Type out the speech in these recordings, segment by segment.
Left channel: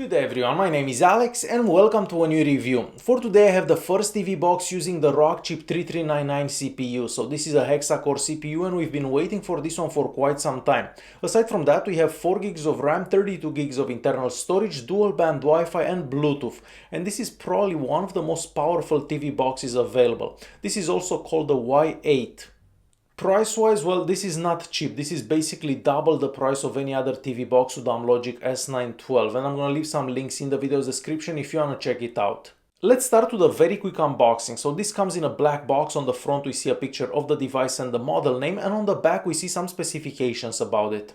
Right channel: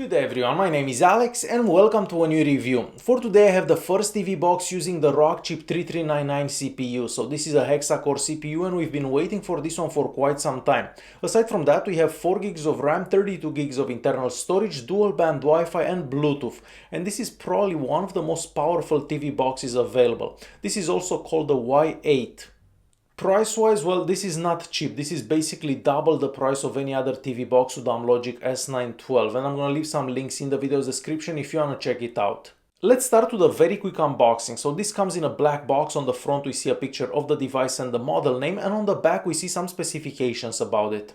Good day everyone, my name is Alex and welcome to a new review. For today I have the first TV box using the Wechip V5 CPU. So this is a hexa-core CPU and we've been waiting for this one for quite some time. Aside from that we have 4 gigs of RAM, 32 gigs of internal storage, dual band Wi-Fi and Bluetooth. And this is probably one of the most powerful TV boxes available. This is also called the Y8. Price-wise, well, this is not cheap. This is basically double the price of any other TV box with Logic S912, and I'm gonna leave some links in the video's description if you wanna check it out. Let's start with a very quick unboxing. So this comes in a black box. On the front we see a picture of the device and the model name, and on the back we see some specifications about it.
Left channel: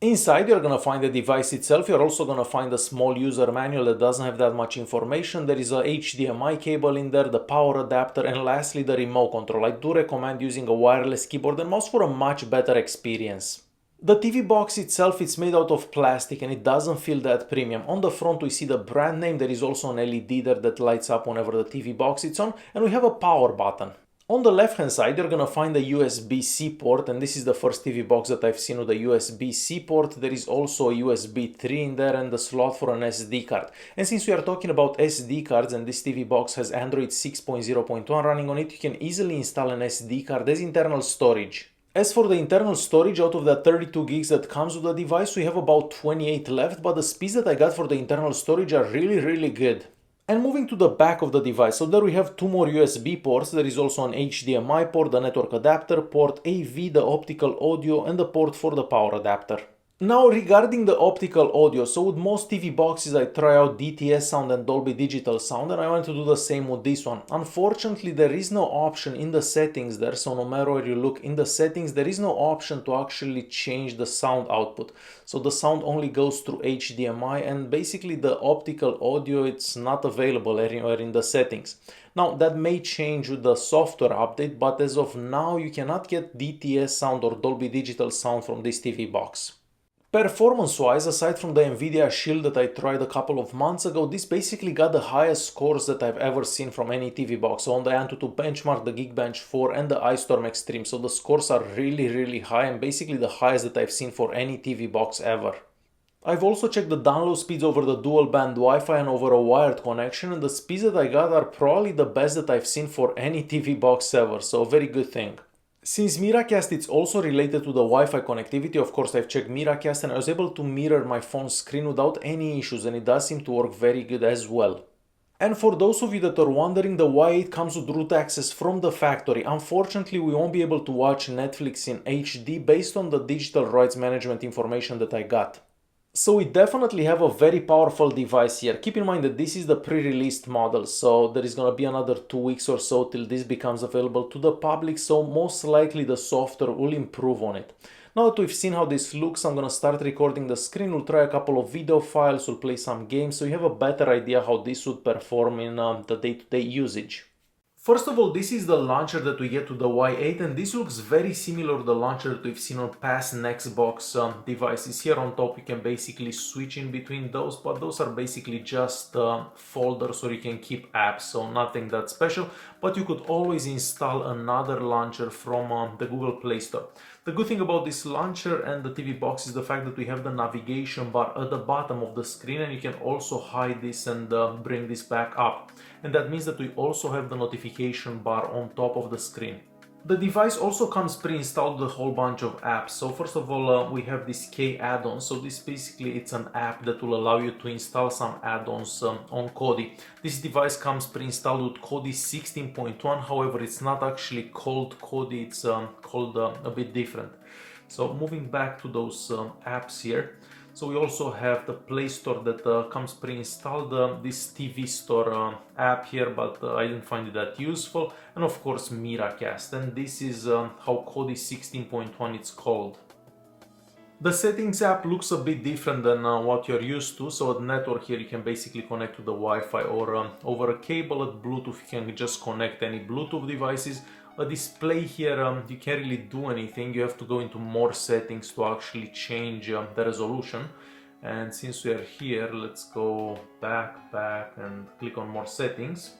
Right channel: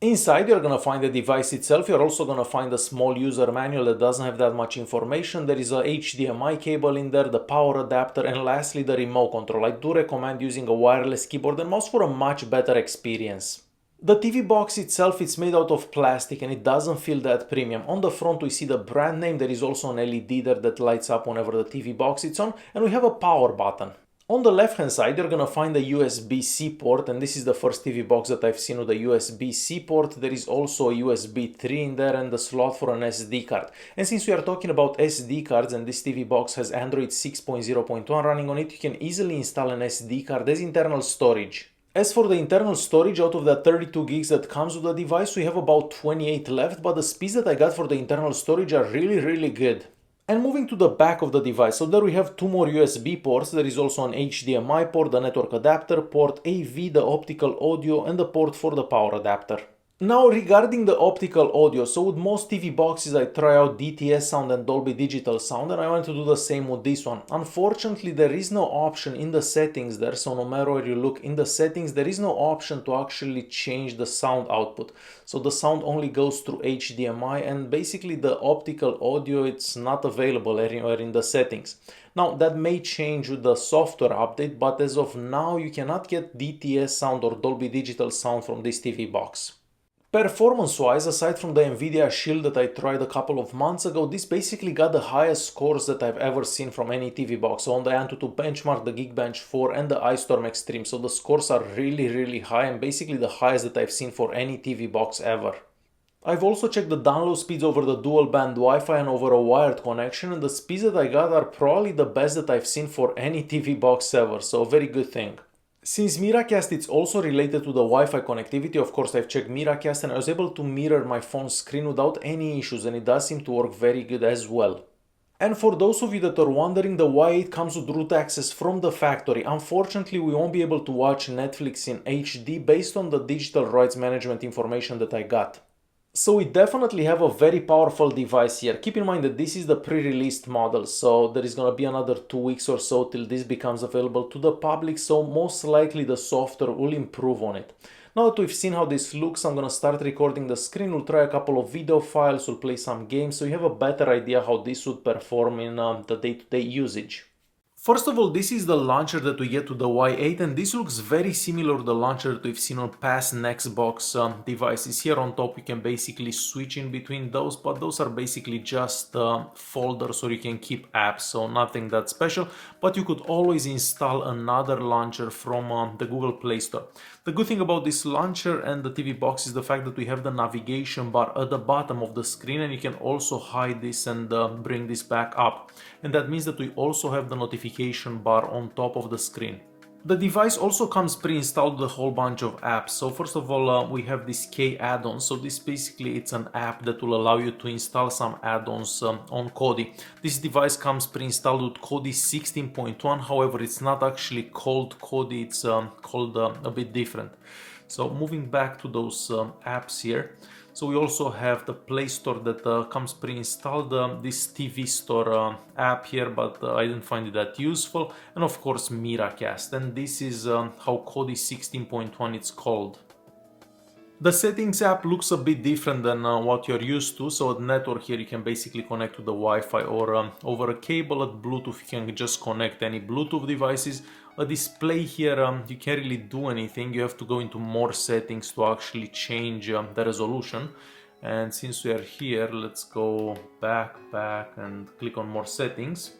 Inside you're gonna find the device itself. You're also gonna find a small user manual that doesn't have that much information. There is a HDMI cable in there, the power adapter, and lastly the remote control. I do recommend using a wireless keyboard and mouse for a much better experience. The TV box itself is made out of plastic and it doesn't feel that premium. On the front we see the brand name. There is also an LED there that lights up whenever the TV box is on, and we have a power button. On the left hand side you're gonna find a USB-C port, and this is the first TV box that I've seen with a USB-C port. There is also a USB 3 in there and the slot for an SD card. And since we are talking about SD cards and this TV box has Android 6.0.1 running on it, you can easily install an SD card as internal storage. As for the internal storage, out of the 32 gigs that comes with the device, we have about 28 left, but the speeds that I got for the internal storage are really good. And moving to the back of the device, so there we have 2 more USB ports. There is also an HDMI port, the network adapter port, AV, the optical audio, and the port for the power adapter. Now regarding the optical audio, so with most TV boxes I try out DTS sound and Dolby Digital sound, and I want to do the same with this one. Unfortunately there is no option in the settings there, so no matter where you look in the settings there is no option to actually change the sound output. So the sound only goes through HDMI, and basically the optical audio it's not available anywhere in the settings. Now that may change with the software update, but as of now you cannot get DTS sound or Dolby Digital sound from this TV box. Performance-wise, aside from the Nvidia Shield that I tried a couple of months ago, this basically got the highest scores that I've ever seen from any TV box. So on the Antutu Benchmark, the Geekbench 4 and the iStorm Extreme. So the scores are really high and basically the highest that I've seen for any TV box ever. I've also checked the download speeds over the dual band Wi-Fi and over a wired connection, and the speeds that I got are probably the best that I've seen for any TV box ever, so a very good thing. Since Miracast it's also related to the Wi-Fi connectivity, of course I've checked Miracast and I was able to mirror my phone's screen without any issues, and it does seem to work very good as well. And for those of you that are wondering, the Y8 comes with root access from the factory. Unfortunately we won't be able to watch Netflix in HD based on the digital rights management information that I got. So we definitely have a very powerful device here. Keep in mind that this is the pre-released model, so there is gonna be another 2 weeks or so till this becomes available to the public, so most likely the software will improve on it. Now that we've seen how this looks, I'm gonna start recording the screen. We'll try a couple of video files, we'll play some games, so you have a better idea how this would perform in the day-to-day usage. First of all, this is the launcher that we get to the Y8, and this looks very similar to the launcher that we've seen on past Nexsbox devices. Here on top you can basically switch in between those, but those are basically just folders where you can keep apps, so nothing that special. But you could always install another launcher from the Google Play Store. The good thing about this launcher and the TV box is the fact that we have the navigation bar at the bottom of the screen, and you can also hide this and bring this back up. And that means that we also have the notification bar on top of the screen. The device also comes pre-installed with a whole bunch of apps. So first of all we have this K add-on. So this basically it's an app that will allow you to install some add-ons on Kodi. This device comes pre-installed with Kodi 16.1, however it's not actually called Kodi, it's called a bit different. So moving back to those apps here. So we also have the Play Store that comes pre-installed, this TV Store app here, but I didn't find it that useful, and of course Miracast, and this is how Kodi 16.1 it's called. The settings app looks a bit different than what you're used to. So at network here you can basically connect to the Wi-Fi or over a cable. At Bluetooth you can just connect any Bluetooth devices. A display here, you can't really do anything. You have to go into more settings to actually change the resolution. And since we are here, let's go back and click on more settings.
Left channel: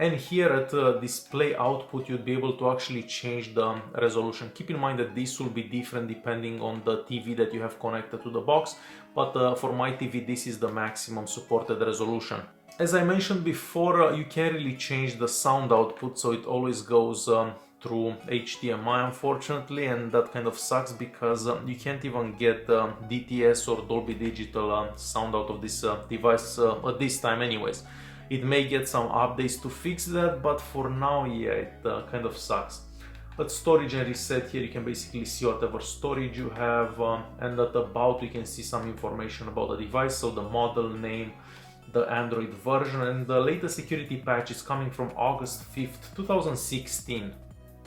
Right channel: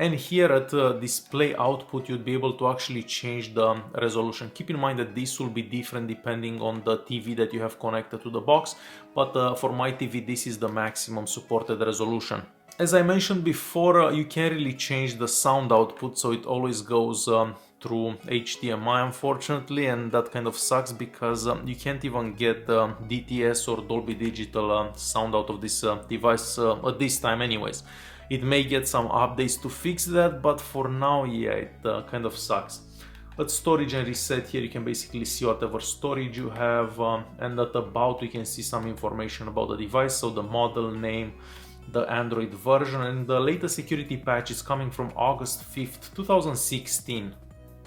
And here at display output, you'd be able to actually change the resolution. Keep in mind that this will be different depending on the TV that you have connected to the box, but for my TV, this is the maximum supported resolution. As I mentioned before, you can't really change the sound output, so it always goes through HDMI, unfortunately, and that kind of sucks because you can't even get DTS or Dolby Digital sound out of this device at this time anyways. It may get some updates to fix that, but for now, yeah, it kind of sucks. At storage and reset, here you can basically see whatever storage you have, and at about you can see some information about the device, so the model name, the Android version, and the latest security patch is coming from August 5th, 2016.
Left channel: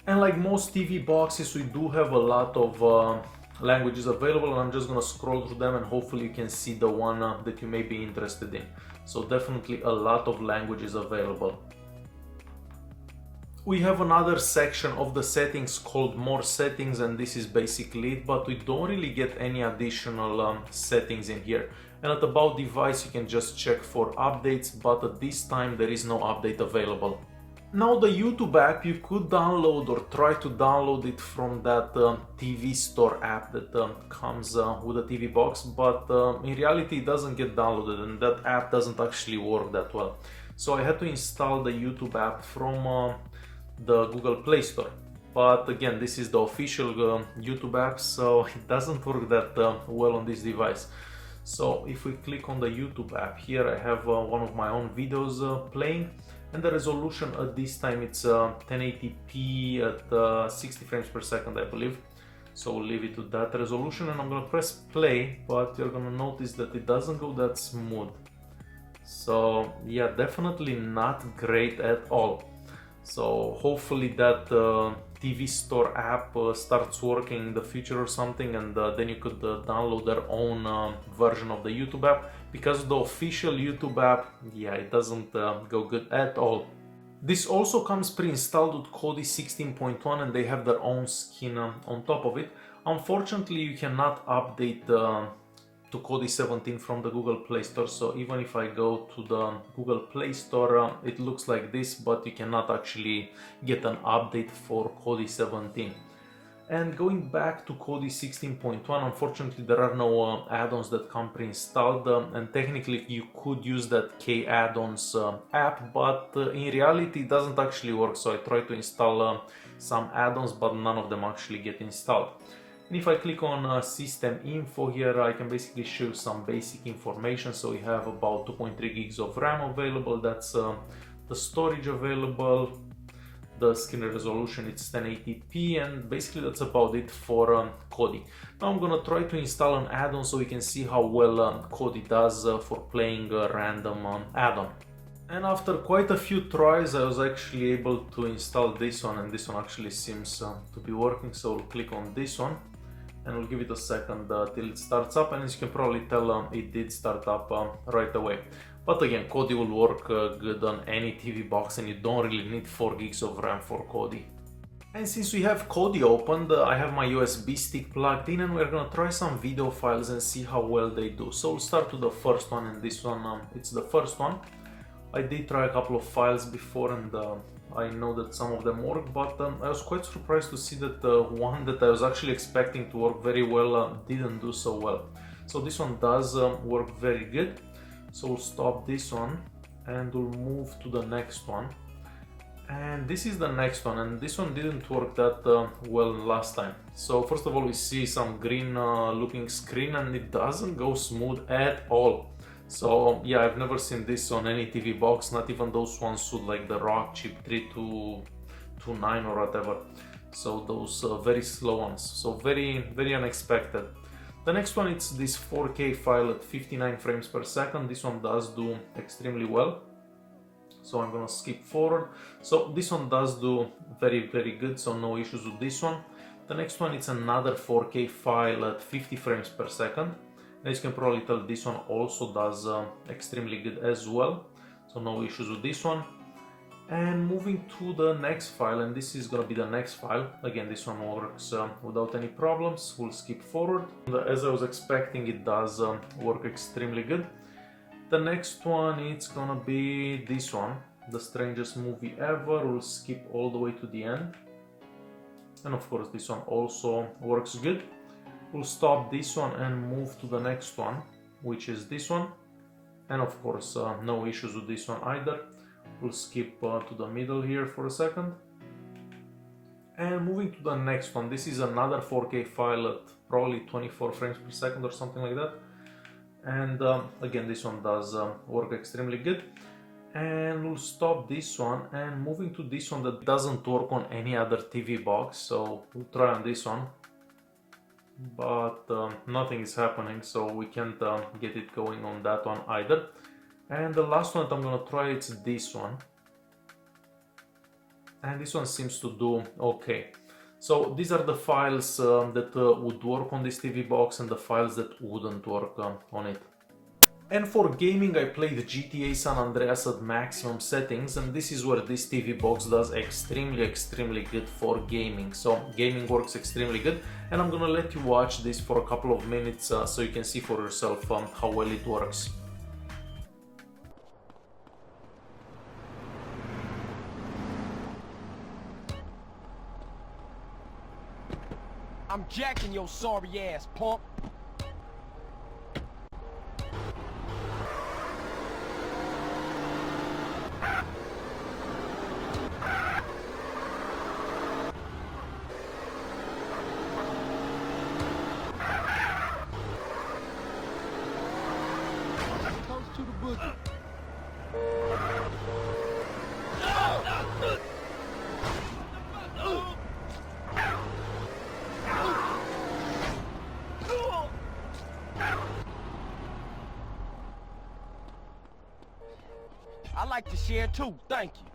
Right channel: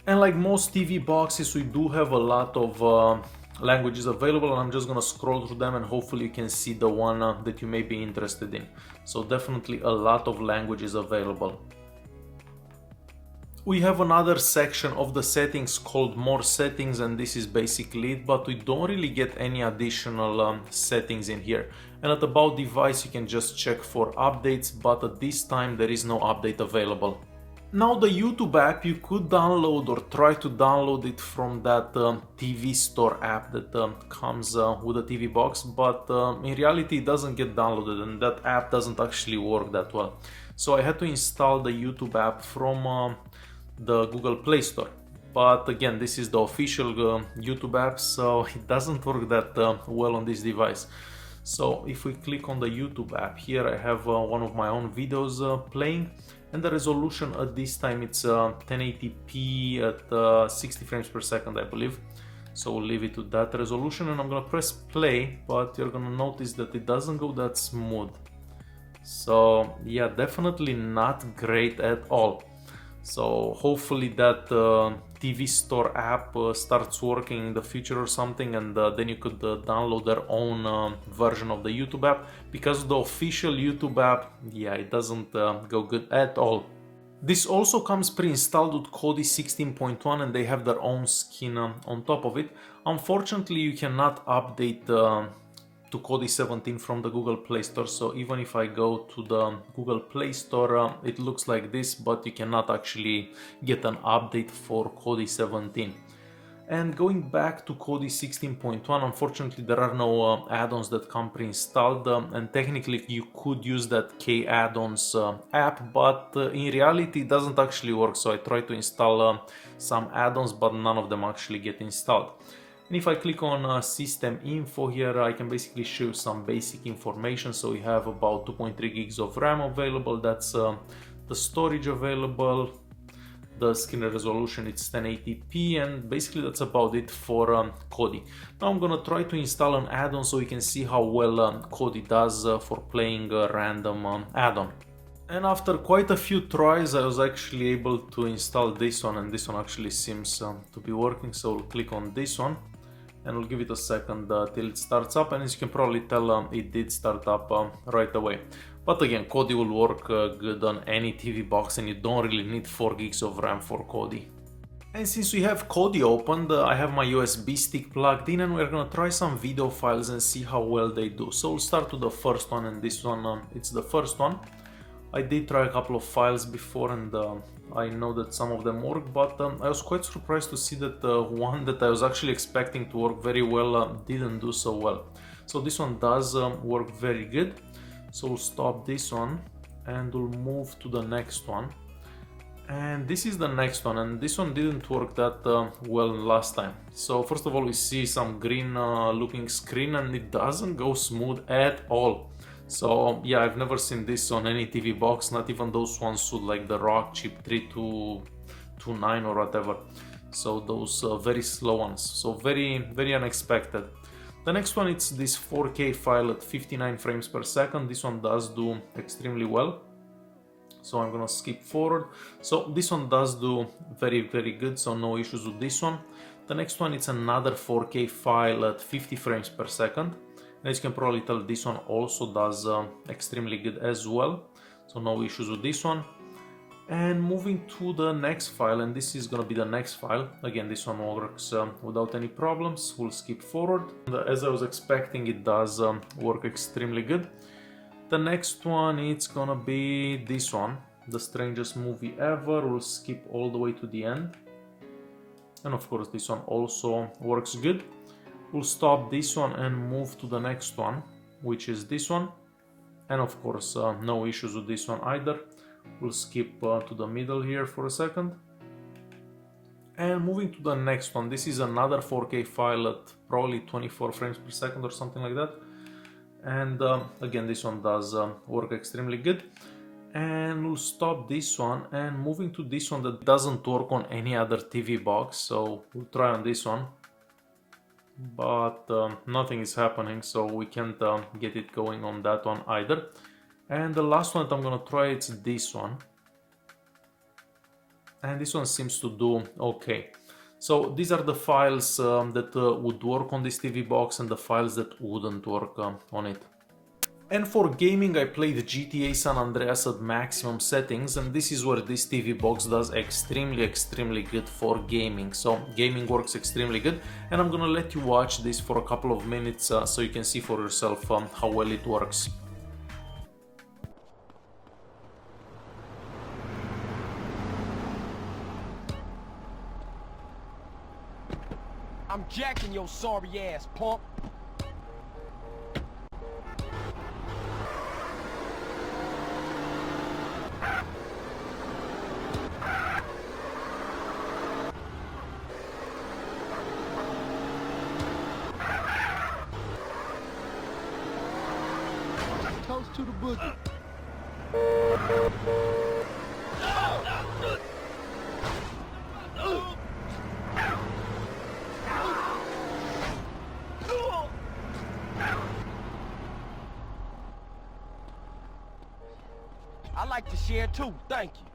And like most TV boxes, we do have a lot of languages available. I'm just gonna scroll through them and hopefully you can see the one that you may be interested in. So definitely a lot of languages available. We have another section of the settings called More Settings, and this is basically it, but we don't really get any additional settings in here. And at About Device you can just check for updates, but at this time there is no update available. Now the YouTube app, you could download or try to download it from that TV Store app that comes with a TV box, but in reality it doesn't get downloaded and that app doesn't actually work that well. So I had to install the YouTube app from the Google Play Store. But again, this is the official YouTube app, so it doesn't work that well on this device. So if we click on the YouTube app, here I have one of my own videos playing, and the resolution at this time it's 1080p at 60 frames per second, I believe. So we'll leave it to that resolution, and I'm gonna press play, but you're gonna notice that it doesn't go that smooth. So yeah, definitely not great at all. So hopefully that TV Store app starts working in the future or something, and then you could download their own version of the YouTube app, because the official YouTube app, yeah, it doesn't go good at all. This also comes pre-installed with Kodi 16.1 and they have their own skin on top of it. Unfortunately, you cannot update to Kodi 17 from the Google Play Store, so even if I go to the Google Play Store, it looks like this, but you cannot actually get an update for Kodi 17. And going back to Kodi 16.1, unfortunately there are no add-ons that come pre-installed, and technically you could use that K add-ons app, but in reality it doesn't actually work. So I tried to install some add-ons, but none of them actually get installed. And if I click on system info here, I can basically show you some basic information. So we have about 2.3 gigs of RAM available, that's the storage available, the screen resolution it's 1080p, and basically that's about it for Kodi. Now I'm gonna try to install an add-on so we can see how well Kodi does for playing a random add-on. And after quite a few tries I was actually able to install this one, and this one actually seems to be working. So we'll click on this one and we'll give it a second till it starts up, and as you can probably tell, it did start up right away. But again, Kodi will work good on any TV box, and you don't really need 4 gigs of RAM for Kodi. And since we have Kodi opened, I have my USB stick plugged in, and we're gonna try some video files and see how well they do. So we'll start with the first one, and this one, it's the first one. I did try a couple of files before, and I know that some of them work, but I was quite surprised to see that one that I was actually expecting to work very well didn't do so well. So this one does work very good. So we'll stop this one and we'll move to the next one. And this is the next one, and this one didn't work that well last time. So first of all, we see some green looping screen, and it doesn't go smooth at all. So yeah, I've never seen this on any TV box, not even those ones with like the Wechip 3299 or whatever. So those very slow ones, so very unexpected. The next one, it's this 4K file at 59 frames per second. This one does do extremely well. So I'm gonna skip forward. So this one does do very good, so no issues with this one. The next one, it's another 4K file at 50 frames per second. As you can probably tell, this one also does extremely good as well. So no issues with this one. And moving to the next file, and this is gonna be the next file. Again, this one works without any problems. We'll skip forward. And as I was expecting, it does work extremely good. The next one, it's gonna be this one. the strangest movie ever. We'll skip all the way to the end. And of course this one also works good. We'll stop this one and move to the next one, which is this one. And of course no issues with this one either. We'll skip to the middle here for a second. And moving to the next one, this is another 4K file at probably 24 frames per second or something like that. And again, this one does work extremely good. And we'll stop this one and moving to this one that doesn't work on any other TV box. So we'll try on this one, but nothing is happening, so we can't get it going on that one either. And the last one that I'm gonna try is this one. And this one seems to do okay. So these are the files that would work on this TV box and the files that wouldn't work on it. And for gaming, I played GTA San Andreas at maximum settings, and this is where this TV box does extremely good for gaming. So gaming works extremely good, and I'm gonna let you watch this for a couple of minutes so you can see for yourself how well it works. I'm jacking your sorry ass, punk. Toast to the boogie. I like to share too, thank you.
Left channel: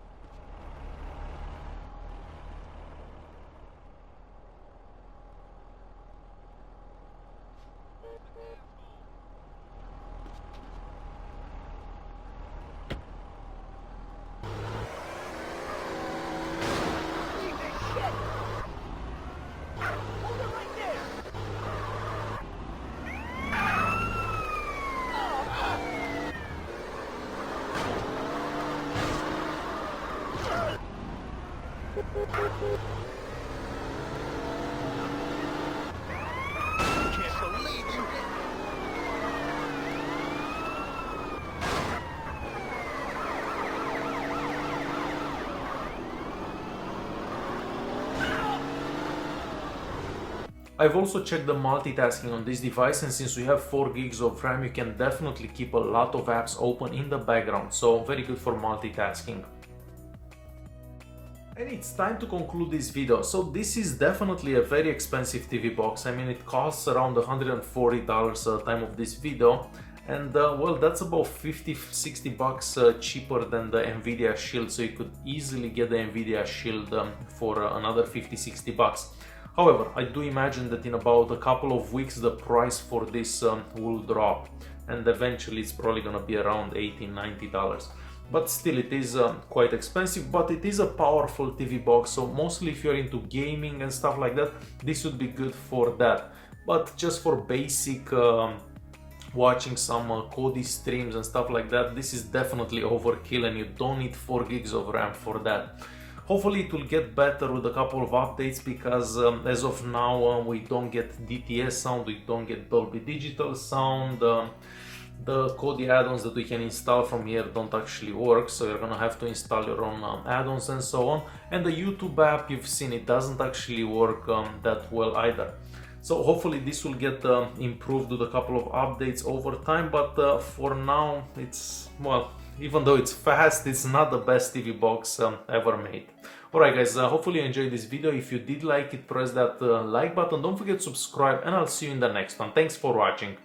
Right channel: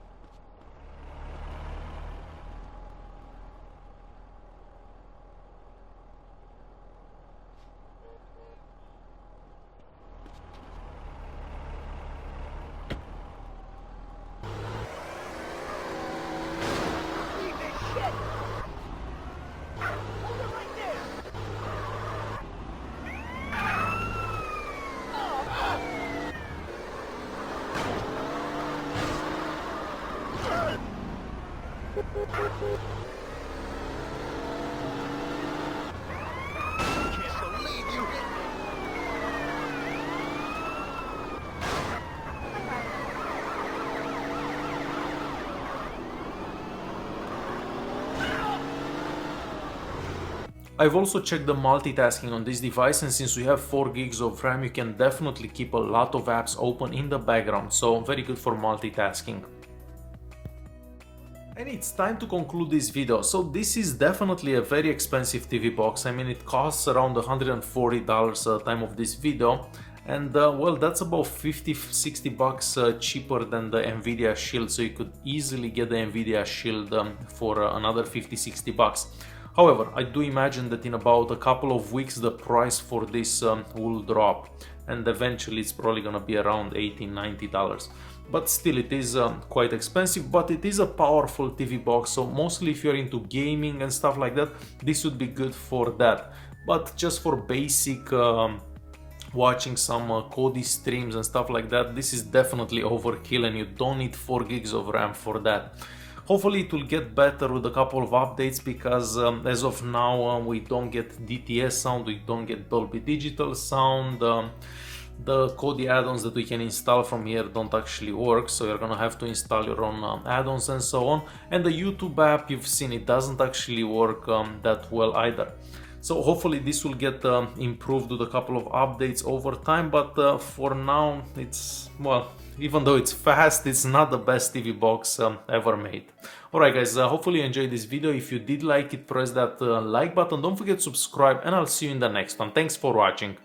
I've also checked the multitasking on this device, and since we have 4 gigs of RAM, you can definitely keep a lot of apps open in the background, so very good for multitasking. And it's time to conclude this video. So this is definitely a very expensive TV box. I mean, it costs around $140 at the time of this video, and well, that's about $50–60 cheaper than the Nvidia Shield, so you could easily get the Nvidia Shield for another $50–60. However, I do imagine that in about a couple of weeks the price for this will drop, and eventually it's probably gonna be around $80–90. But still, it is quite expensive, but it is a powerful TV box, so mostly if you're into gaming and stuff like that, this would be good for that. But just for basic watching some Kodi streams and stuff like that, this is definitely overkill, and you don't need 4 gigs of RAM for that. Hopefully it will get better with a couple of updates, because as of now we don't get DTS sound, we don't get Dolby Digital sound. The Kodi add-ons that we can install from here don't actually work, so you're gonna have to install your own add-ons and so on. And the YouTube app, you've seen, it doesn't actually work that well either. So hopefully this will get improved with a couple of updates over time, but for now it's, well, even though it's fast, it's not the best TV box ever made. Alright guys, hopefully you enjoyed this video. If you did like it, press that like button, don't forget to subscribe, and I'll see you in the next one. Thanks for watching.